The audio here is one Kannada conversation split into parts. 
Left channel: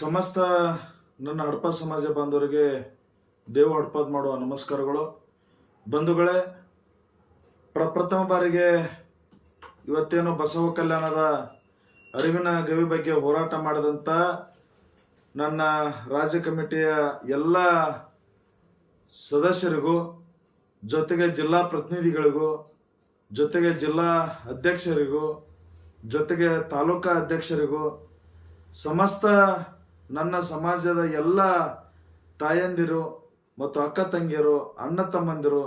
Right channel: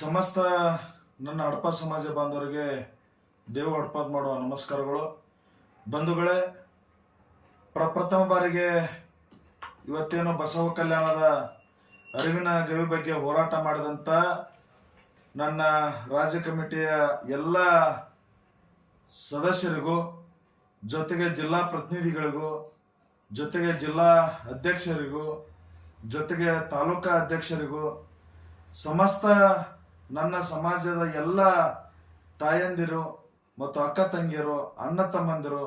ಸಮಸ್ತ ನನ್ನ ಹಡಪ ಸಮಾಜ ಬಾಂಧವರಿಗೆ ದೇವ ಹಡಪದ್ ಮಾಡುವ ನಮಸ್ಕಾರಗಳು. ಬಂಧುಗಳೇ, ಪ್ರಪ್ರಥಮ ಬಾರಿಗೆ ಇವತ್ತೇನು ಬಸವ ಕಲ್ಯಾಣದ ಅರಿವಿನ ಗವಿ ಬಗ್ಗೆ ಹೋರಾಟ ಮಾಡಿದಂಥ ನನ್ನ ರಾಜ್ಯ ಕಮಿಟಿಯ ಎಲ್ಲ ಸದಸ್ಯರಿಗೂ, ಜೊತೆಗೆ ಜಿಲ್ಲಾ ಪ್ರತಿನಿಧಿಗಳಿಗೂ, ಜೊತೆಗೆ ಜಿಲ್ಲಾ ಅಧ್ಯಕ್ಷರಿಗೂ, ಜೊತೆಗೆ ತಾಲೂಕಾ ಅಧ್ಯಕ್ಷರಿಗೂ, ಸಮಸ್ತ ನನ್ನ ಸಮಾಜದ ಎಲ್ಲ ತಾಯಂದಿರು ಮತ್ತು ಅಕ್ಕ ತಂಗಿಯರು, ಅಣ್ಣ ತಮ್ಮಂದಿರು,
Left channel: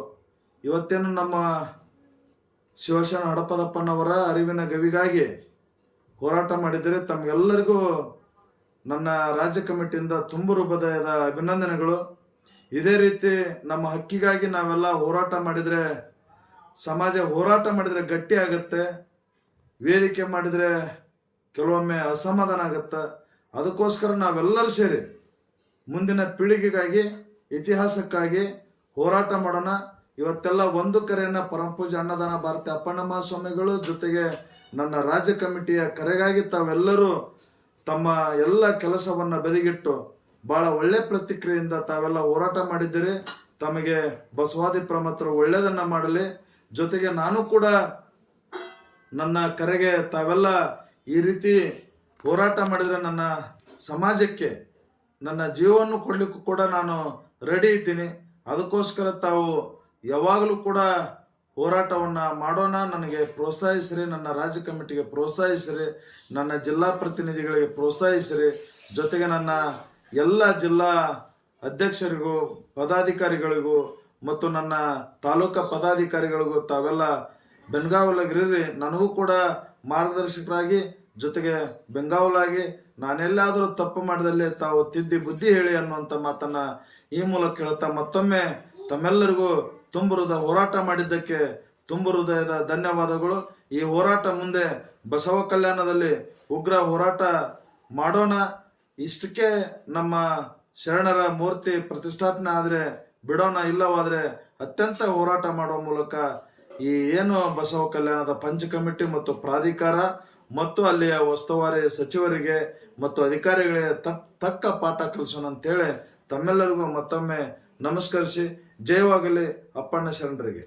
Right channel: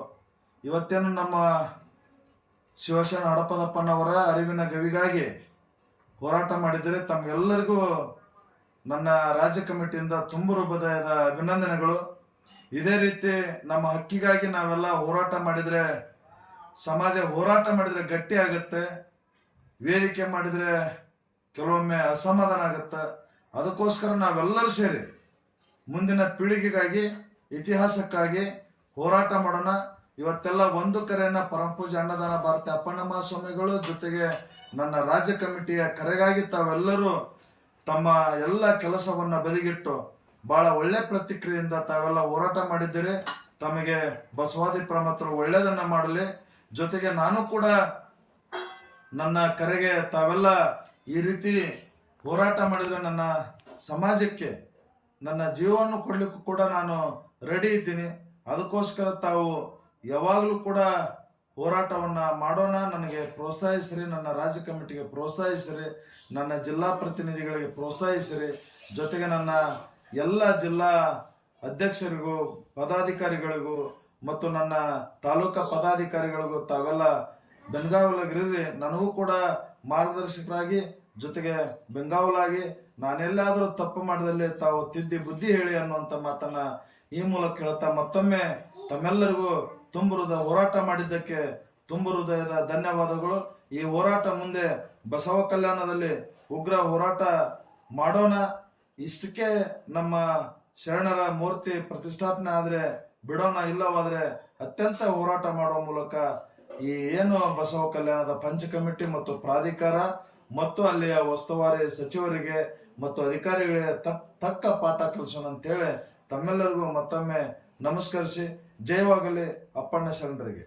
ಇವತ್ತೇನು ನಮ್ಮ ಶಿವಶರಣ ಹಡಪದಪ್ಪನವರ ಅರಿವಿನ ಗವಿಗಾಗಿ ಹೋರಾಟ ಮಾಡಿದರೆ ತಮಗೆಲ್ಲರಿಗೂ ನನ್ನ ರಾಜ್ಯ ಕಮಿಟಿಯಿಂದ ತುಂಬು ಹೃದಯದ ಅಭಿನಂದನೆಗಳು. ಇದೇ ರೀತಿ ನಮ್ಮ ಹಕ್ಕಿಗಾಗಿ ನಾವೆಲ್ಲ ಹೋರಾಟ ಮಾಡಿದರೆ, ಸಮಾಜ ಹೋರಾಟ ಮಾಡಿದರೆ ಗಟ್ಟಿ ಆಗುತ್ತೆ, ವೇದಿಕೆ ಮಾಡಿದರೆ ಕೆಲವೊಮ್ಮೆ ಅಸಮಾಧಾನ ಆಗುತ್ತೆ. ಅದಕ್ಕೋಸ್ಕರ ನಾವೆಲ್ಲರೂ ಸೇರಿ ಮುಂದಿನ ಪೀಳಿಗೆಗಾಗಿ, ಇತಿಹಾಸಕ್ಕಾಗಿ ಹೋರಾಟ ಮಾಡೋಣ. ಇವತ್ತೆಲ್ಲ ಒಂದು ಕರೆಯನ್ನು ಪರಮಪೂಜ್ಯ ಅನ್ನದಾನ ಭಾರತಿ ಅಪ್ಪಣ್ಣ ಮಹಾಸ್ವಾಮಿಗಳು ಜೊತೆಗೆ ನನ್ನ ರಾಜ್ಯ ಕಮಿಟಿಯ ಕರೆಗಾಗಿ ತಾವೆಲ್ಲರೂ ತಮ್ಮ ಎಲ್ಲ ಕೆಲಸವನ್ನು ಬದಿಗಿಟ್ಟು ಭಾಳ ಒಳ್ಳೆ ಪ್ರತಿಕ್ರಿಯೆಯಿಂದ ತಾವೆಲ್ಲ ಹೋರಾಟ ಮಾಡಿದ್ದೀರಿ. ತಮಗೆ ಬಸವಾದಿ ಪ್ರಮತರು ಒಳ್ಳೆಯದನ್ನು ಮಾಡಲಿ. ಜೊತೆಗೆ ನಾನು ಕೂಡ ನನ್ನ ಕರೆಗೆ ತಾವೆಲ್ಲ ಈ ರೀತಿ ಹೋರಾಟ ಮಾಡಿದರೆ ನನ್ನ ಸಮಾಜಕ್ಕೆ ನನ್ನ ಜೀವವನ್ನು ಕೊಡಲಿಕ್ಕೂ ಕೂಡ ನಾನು ರೆಡಿ ಇದ್ದೀನಿ. ಅದಕ್ಕೋಸ್ಕರ ತಾವು ಯಾವಾಗಲೂ ಕೂಡ ಹೋರಾಟವನ್ನು ಮಾಡೋಣ. ನನಗೆ ಪ್ರೋತ್ಸಾಹಿಸಿರಿ, ನನ್ನ ರಾಜ್ಯ ಕಮಿಟಿಗೆ ಪ್ರೋತ್ಸಾಹಿಸಿರಿ, ನನ್ನ ಜಿಲ್ಲಾ ಪ್ರತಿನಿಧಿಗಳಿಗೆ ಪ್ರೋತ್ಸಾಹಿಸಿರಿ, ಜೊತೆಗೆ ನನ್ನ ಎಲ್ಲ ಜಿಲ್ಲಾ ಅಧ್ಯಕ್ಷರಿಗೂ, ಪದಾಧಿಕಾರಿಗಳಿಗೂ ಮತ್ತು ನನ್ನ ತಾಲೂಕಾ ಪದಾಧಿಕಾರಿಗಳಿಗೂ ತಾವೆಲ್ಲ ಬೆಂಗಾವಲಾಗಿರಿ. ನನಗೂ ಕೂಡ ಮಾರ್ಗದರ್ಶಕರಾಗಿ, ಜೊತೆಗೆ ಬೆಂಗಾವಲಾಗಿ ನಾನೆಲ್ಲಾದರೂ ತಪ್ಪು ಮಾಡಿದಲ್ಲಿ ತಾವು ತಿದ್ದಿ ಬುದ್ಧಿ ಹೇಳಿ ಅನ್ನುವಂಥ ಮಾತನ್ನು ಈ ಮೂಲಕ ಹೇಳ್ತಾ ಮತ್ತೊಮ್ಮೆ ತಮ್ಮೆಲ್ಲರಿಗೂ ತುಂಬು ಹೃದಯ ಹೋರಾಟ ಮಾಡಿದ್ದಕ್ಕೆ ತುಂಬು ಹೃದಯದ ಧನ್ಯವಾದಗಳು. ಈ ಹೋರಾಟ ಮುಂದೆ ಬಸವ ಕಲ್ಯಾಣದಲ್ಲಿ ಉಗ್ರ ಹೋರಾಟ ಮಾಡೋಣ. ಇಷ್ಟಕ್ಕೆ ನಮ್ಮ ಶರಣರ ಮೂರ್ತಿ ಪ್ರತಿಷ್ಠಾಪನೆ ಆದರೆ ಬಿಡೋಣ, ಇಲ್ಲವಾದರೆ ಅತ್ಯಂತ ಹೋರಾಟ ಮಾಡುವ ಮೂಲಕ ಈ ಏನು ಬಸವ ಕಲ್ಯಾಣದ ಪಂಚ ಕಮಿಟಿ ಮತ್ತು ಪ್ರಾಧಿಕಾರ ಮತ್ತು ಅಲ್ಲಿಯ ಉಸ್ತುವಾರಿ ಸಚಿವರಿಗೆ ಮತ್ತು ಅಧಿಕಾರಿಗಳಿಗೆ ತಕ್ಕ ಪಾಠ ಕಲಿಸೋಣ ಅಂತೇಳಿ ತಮ್ಮೆಲ್ಲರಿಗೂ ಮತ್ತೊಮ್ಮೆ ನಮಸ್ಕರಿಸಿ ಜಯವಾಗಲಿ ಅಪ್ಪಣ್ಣ ಶರಣರಿಗೆ.